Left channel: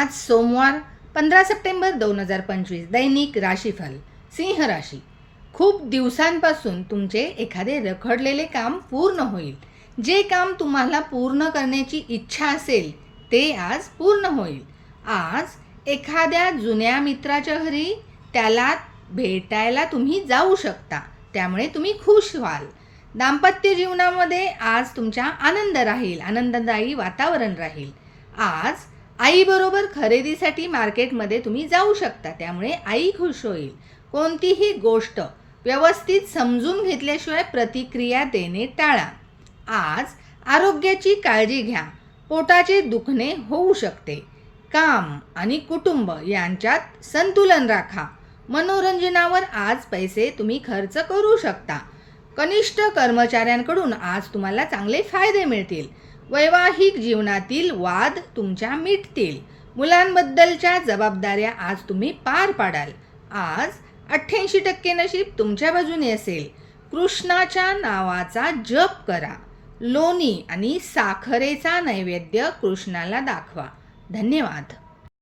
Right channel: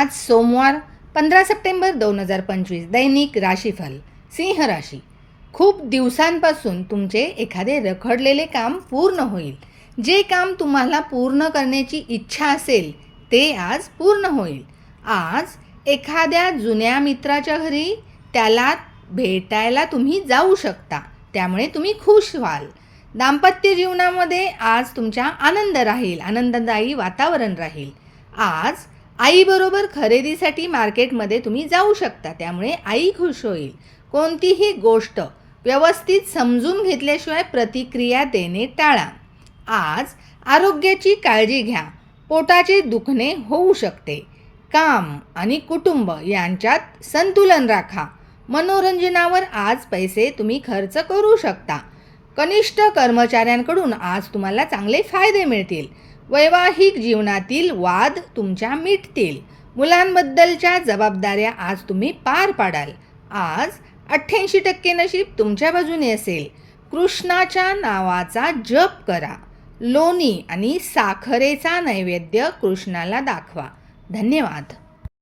आज सोमवार 15 सप्टेंबर 2025 दैनिक राशीफल सिंह राशी. खूप दिवसांपासून तुमचे एखादे रखडलेले काम पूर्ण होईल. जे काम तुम्हाला पूर्ण करण्याची इच्छा असेल ते आज पूर्ण होईल. आज एखाद्या जुन्या मित्राच्या घरी त्याला भेटायला तुम्ही जाऊ शकता, त्यामुळे तुम्ही खुश व्हाल. दाम्पत्य जीवनामध्ये आज तुमच्या आनंद राहील, आनंददायी वातावरण राहील. आज आईबरोबर खरेदीसाठी मार्केटमध्ये तुम्ही जाऊ शकता, त्यामुळे आई खुश होईल. कोणतीही गोष्ट व्यवस्थित समजून घेतल्याशिवाय प्रतिक्रिया देणे टाळा. आज आरोग्याची काळजी घ्या, पोटाचे दुखणे होऊ शकते. काम आणि कुटुंब यांच्यात संतुलन राखा. मनोरंजनावर आज पैसे तुम्ही खर्च करू शकता. कनिष्ठ कर्मचाऱ्यांकडून आज तुम्हाला चांगले फायदे मिळतील. वैवाहिक जीवनातील वाद तुमच्या मिटतील. मुलांबद्दलच्या जबाबदाऱ्या आज तुम्ही पार पाडाल. आज 88% नशीब तुमच्या बाजूने असेल. कृष्णाच्या नावाचा जप करा. लोणी आणि साखरेचा नैवेद्य कृष्णाला दाखवा. धन्यवाद.